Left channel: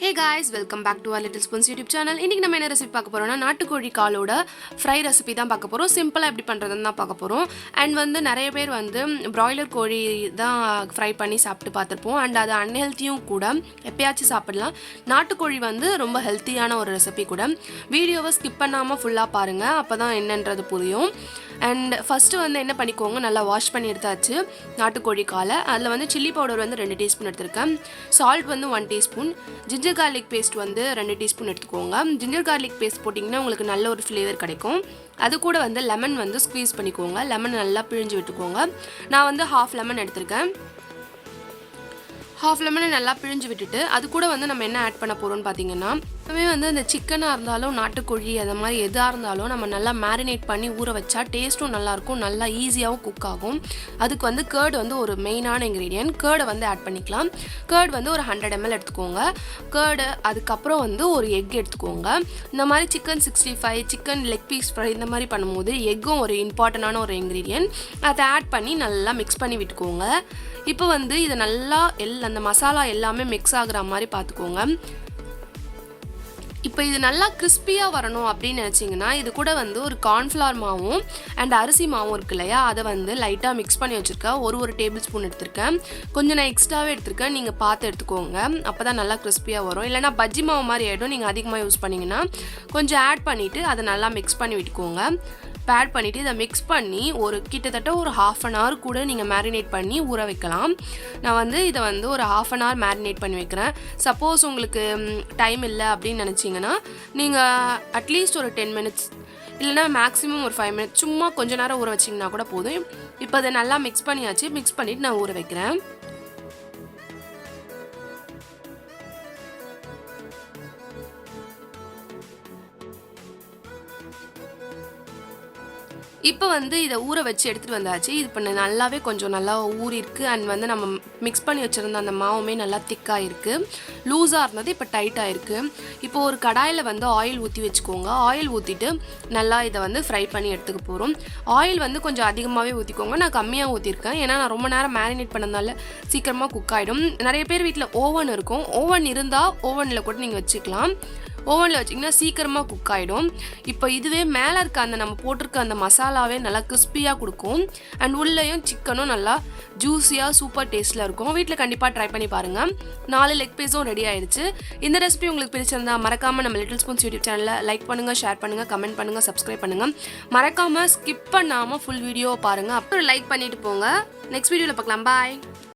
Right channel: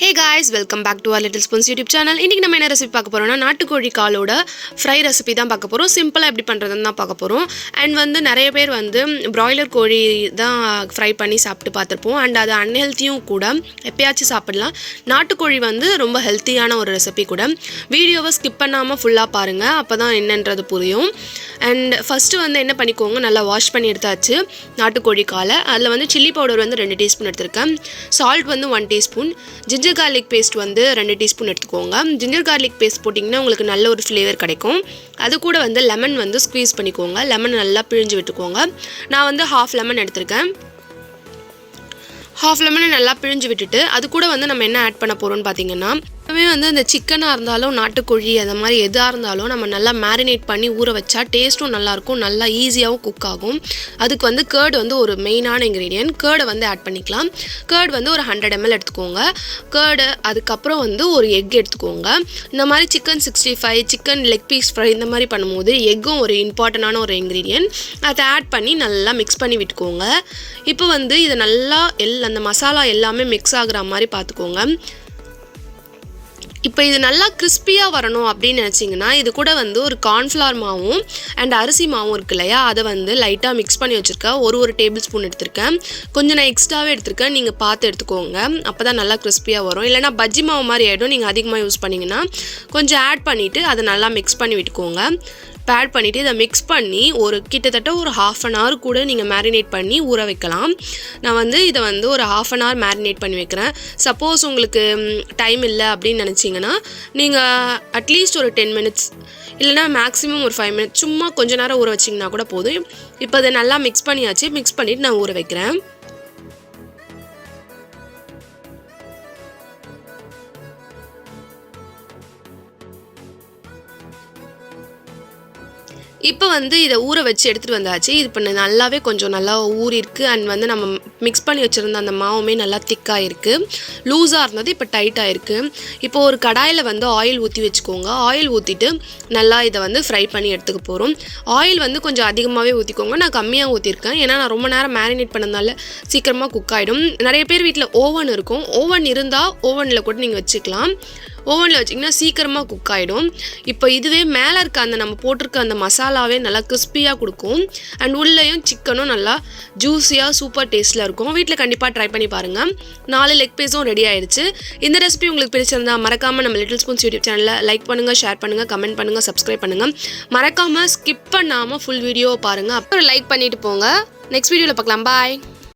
Hey guys, welcome back to our Little Spoons YouTube channel. இன்னைக்கு நம்ம என்ன recipe பார்க்க போறோம்னா நாட்டுக்கோழி காலோட ஃப்ரை ரெசிபி தான் பார்க்க போறோம். சிம்பிளா எப்படி பண்றதுன்னு தான் பார்க்க போறோம். அண்ட் வந்து நிறைய பேர் வந்து பிராய்லர் கோழி தான் ஃப்ரை பண்ணி சாப்பிட்டு பார்த்திருப்போம். அண்ட் அது அன்ஹெல்தியும் கூட. எப்பயாச்சும் சாப்பிடலாம். நாட்டுக்கோழி வந்து ரொம்ப ஹெல்த்தியான ஒரு ரெசிபி கூட. வீடியோவை ஸ்கிப் பண்ணாம ஃபுல்லா பாருங்க. அப்பதான் என்னன்றது புரியும். அண்ட் ஃபர்ஸ்ட் வந்து என்ன பண்ணிக்கோங்க, நல்லா வாஷ் பண்ணி எடுத்தாச்சு நாட்டுக்கோழி காலை. அதில் வந்து சில்லி பவுடர் வந்து 2 டீஸ்பூன் எடுத்திருக்கேன். சால்ட் வந்து 1 டீஸ்பூன். ஜிஞ்சர் கார்லிக் பேஸ்ட் வந்து 2 டீஸ்பூன் எடுத்துக்கோங்க. ஜிஞ்சர் கார்லிக் பேஸ்ட் போட்டிங்கன்னா உங்களுக்கு நல்ல ஒரு ஃப்ளேவர் கிடைக்கும். அது கூட வந்து லெமன் வந்து ஸ்க்வீஸ் பண்ணிக்கோங்க. லெமன் நல்லா பிழிஞ்சு விட்டுக்கோங்க. நான் வந்து ஹாஃப் லெமன் எடுத்திருக்கேன். ஹாஃப் லெமனை நல்லா பிழிஞ்சு விட்டுட்டு அது கூட வந்து நம்ம என்ன ஆட் பண்ண போகிறோம்னு பார்த்தீங்கன்னா, வந்து அந்த சிக்கனாக இருந்தாலும் நாட்டுக்கோழி அந்த மாதிரி எதாக இருந்தாலும் நம்ம நல்லா மேரினேட் பண்ணி ஊற வச்சா டேஸ்ட்டும் நல்லாயிருக்கும், நல்லா ஈஸியாகவும் குக் ஆகும். அதுக்கு வந்து கேர்டு வந்து ஒரு மெயினான இன்க்ரீடியன்ட். கேர்டை வந்து ஆட் பண்ணிக்கலாம். கேர்டு வந்து ஒரு 100 ml எடுத்துக்கோங்க. கேர்டு அதுக்கப்புறம் வந்து ஒரு எக் எடுத்துக்கோங்க. இந்த மாதிரி chicken 65, chicken leg piece fry இந்த மாதிரி பண்ணும்போது எக்கும் ஒரு இம்பார்ட்டண்டான ஒரு இன்க்ரீடியன்ட். அதை ஆட் பண்ணி நல்லா மிக்ஸ் பண்ணி விட்டுக்கோங்க. இப்போ வந்து இதை நல்லா அந்த மசாலா எல்லாமே மிக்ஸ் ஆகுற மாதிரி பார்த்துக்கோங்க. இப்போ இது நல்லா கிறிஸ்பியாக வரணும் அப்படின்னு நினச்சிங்கன்னா இது கூட வந்து ஒரு கார்ன்ஃப்ளவர் மாவும் அண்ட் அரிசி மாவும் இருக்கு இல்லையா, அதை வந்து லைட்டாக மிக்ஸ் பண்ணி வச்சுருக்கேன். ஒரு டேபிள் ஸ்பூன் எடுத்திருக்கேன். கொஞ்சம் நான் எக்ஸ்ட்ராவே எடுத்திருக்கேன். நீங்கள் பார்த்து எடுத்துக்கோங்க. அப்போ தான் நல்லா கிறிஸ்பியாக வரும். இல்லைனா பஜ்ஜி மாவு மாதிரி ஆகிடும். நீங்கள் அதிகமாக யூஸ் பண்ணிங்கன்னா கொஞ்சம் ஆட் பண்ணிவிட்டு அதை நல்லா மிக்ஸ் பண்ணி விட்டுக்கோங்க. ஆட் பண்ணிவிட்டு இதை மிக்ஸ் பண்ணி கிட்டத்தட்ட ஒரு 1/2 an hour கூட நீங்கள் மேரினேட் பண்ணி ஊற வைக்கலாம். நான் வந்து இதை வந்து ஒரு 1/2 an hour மேரினேட் பண்ணி வைக்கிறேன். சப்போஸ் உங்களுக்கு டைம் இல்லை அப்படின்னு நினச்சிங்கன்னா நீங்கள் அட்லீஸ்ட் ஒரு 10 minutes இல்லைனா மேக்ஸிமம் ஒரு 5 minutes சும்மா கொஞ்ச நேரம் ஊற வச்சிங்கன்னா கூட போதும். இப்போ அதை நல்லா மிக்ஸ் பண்ணியாச்சு. மிக்ஸ் பண்ணிவிட்டு நான் ஊற வைக்கிறேன். இப்போ வந்து இதை ஊற வச்சு எடுத்துகிட்டு வந்தாச்சு. இது இப்போ நல்லாவே கொஞ்சம் நல்லா ஊறிருக்கு. அண்ட் வந்து நம்ம மிக்ஸ் பண்ணி வச்சுருந்த அந்த மாவுமே நல்லா திக்காக இருக்குது. லூஸாக இருந்தது இப்போ டைட்டாக இருக்குது. இப்போ ஒரு கடாயில் வந்து ஆயில் ஊற்றி வச்சுக்கோங்க. ஆயில் ஊற்றிட்டு நல்லா இதை வந்து ஃப்ரை பண்ணி எடுத்துக்க போகிறோம். ஆயில் வந்து கொஞ்சம் அதிகமாகவே ஊற்றிக்கோங்க. நான் கம்மியாக ஊற்றிருக்கேன். ஏன்னா நான் ரொம்ப நேரம் மேரினேட் பண்ணதால சீக்கிரமாக குக் ஆகிடும். நிறைய பேர் வீட்டில் ஓவன் இருக்கும். ஓவன் இருந்தால் ஓவனில் கூட நீங்கள் வச்சுக்கலாம். ஓவனில் வச்சிங்கன்னா சீக்கிரமாக குக் ஆகிடும். இப்போ இதுவே மேலே இருக்க அந்த நம்ம போட்டிருக்க அந்த மசாலாவே நல்லா கிறிஸ்பியாக கொடுக்கும். அண்ட் உள்ளேயும் சிக்கனும் நல்லா ஜூஸியாக சூப்பர் டேஸ்ட்டில் இருக்கும். வீட்டில் கண்டிப்பாக ட்ரை பண்ணி பாருங்கள். 4 லெக் பீஸும் ரெடி ஆயிடுச்சு. இந்த ரெசிபி உங்களுக்கு பிடிச்சிருந்தா மறக்காமல் நம்ம லிட்டில் ஸ்பூன்ஸ் யூடியூப் சேனலில் லைக் பண்ணுங்கள், ஷேர் பண்ணுங்கள், கமெண்ட் பண்ணுங்கள், சப்ஸ்கிரைப் பண்ணுங்கள். மறக்காமல் ஸ்கிப் பண்ணாமல் ஃபுல் வீடியோவை பாருங்கள். அப்புறம் லைக் பண்ணிவிட்டு போங்க. நெக்ஸ்ட் வீடியோவில் பார்க்கலாம். பாய்.